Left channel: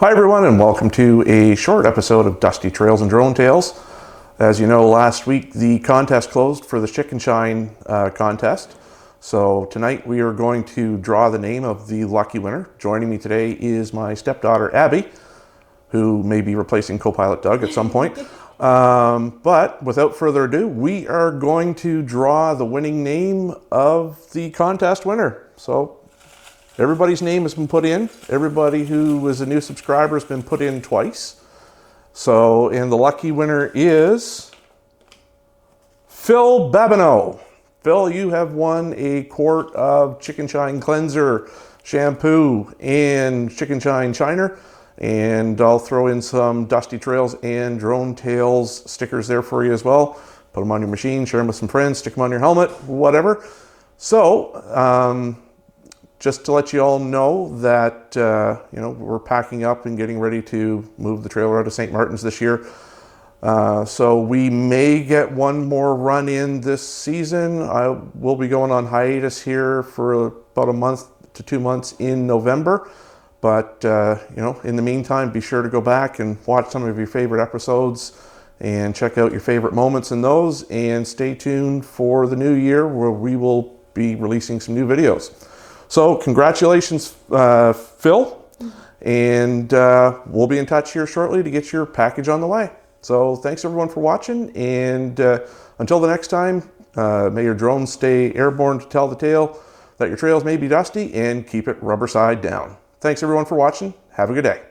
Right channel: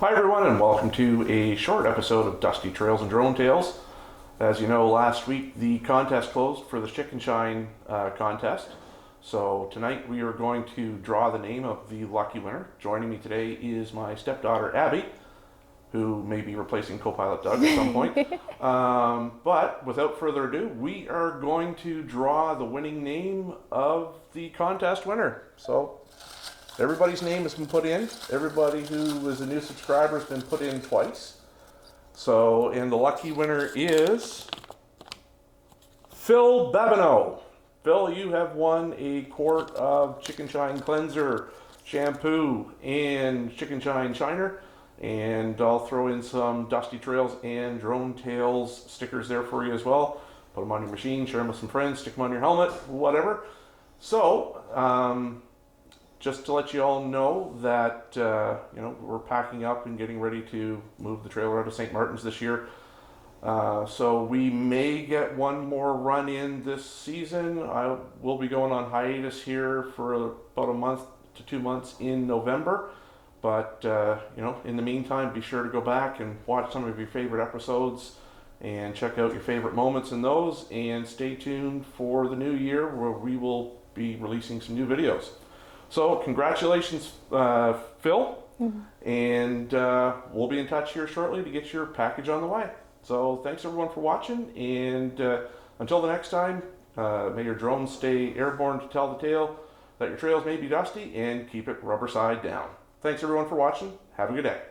Hi everyone, and welcome to a short episode of Dusty Trails and Drone Tales. As you know, last week the contest closed for the Chicken Shine contest. So tonight we are going to draw the name of the lucky winner. Joining me today is my stepdaughter Abby, who may be replacing co-pilot Doug at some point. But without further ado, we are going to draw the winning name of the contest winner. So everybody's name has been put in. Everybody who is a new subscriber has been put in twice. So, and the lucky winner is Phil Babineau. Phil, you have won a quart of Chicken Shine cleanser, shampoo, and Chicken Shine shiner. And I'll throw in some Dusty Trails and Drone Tales stickers there for you as well. Put them on your machine, share them with some friends, stick them on your helmet, whatever. So, just to let you all know that we're packing up and getting ready to move the trailer out of St. Martin's this year. So we may get one more run in this season. I will be going on hiatus here for about a month to 2 months in November. But in the meantime, be sure to go back and watch some of your favorite episodes and check out your favorite moments in those. And stay tuned for the new year where we will be releasing some new videos. So congratulations, Phil, and we'll be in touch here shortly to get your package on the way. So thanks everyone for watching, and until the next time, may your drones stay airborne to tell the tale that your trails may be dusty, and keep it rubber side down. Thanks everyone for watching. Have a good day.